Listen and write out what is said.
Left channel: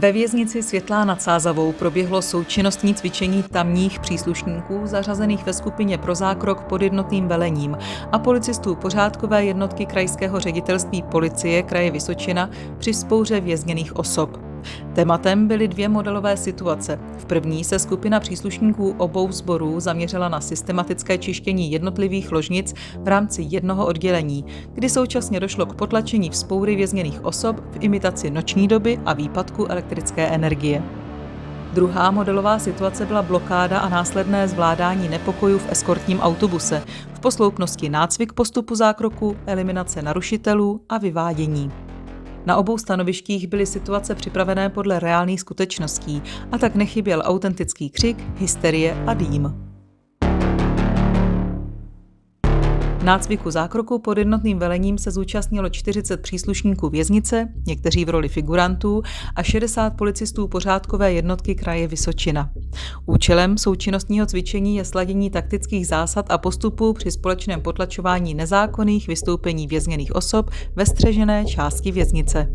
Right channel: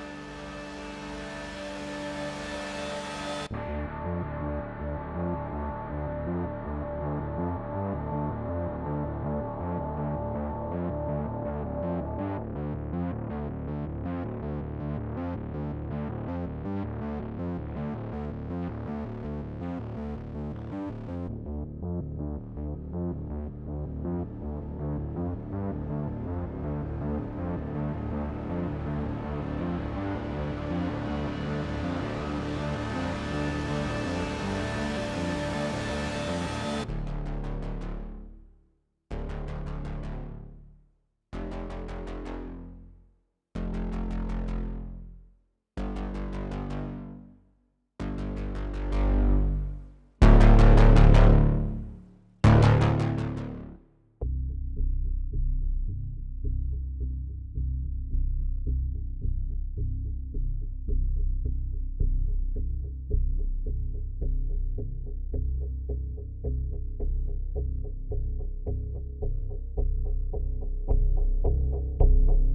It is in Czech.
Ve věznici Světlá nad Sázavou proběhlo součinnostní cvičení tamních příslušníků zařazených ve skupině pro zákrok pod jednotným velením a policistů pořádkové jednotky Krajského ředitelství policie kraje Vysočina při vzpouře vězněných osob. Tématem byly dvě modelové situace. V první se skupina příslušníků obou sborů zaměřila na systematické čištění jednotlivých ložnic v rámci jednoho oddělení, kdy současně došlo k potlačení vzpoury vězněných osob v imitaci noční doby a výpadku elektrické energie. Druhá modelová situace byla blokáda a následné zvládání nepokojů v eskortním autobuse, v posloupnosti nácvik postupu zákroku, eliminace narušitelů a vyvádění. Na obou stanovištích byly situace připravené podle reálných skutečností a tak nechyběl autentický křik, hysterie a dým. Nácviku zákroku pod jednotným velením se zúčastnilo 40 příslušníků věznice, někteří v roli figurantů a 60 policistů pořádkové jednotky kraje Vysočina. Účelem součinnostního cvičení je sladění taktických zásad a postupů při společném potlačování nezákonných vystoupení vězněných osob ve střežené části věznice.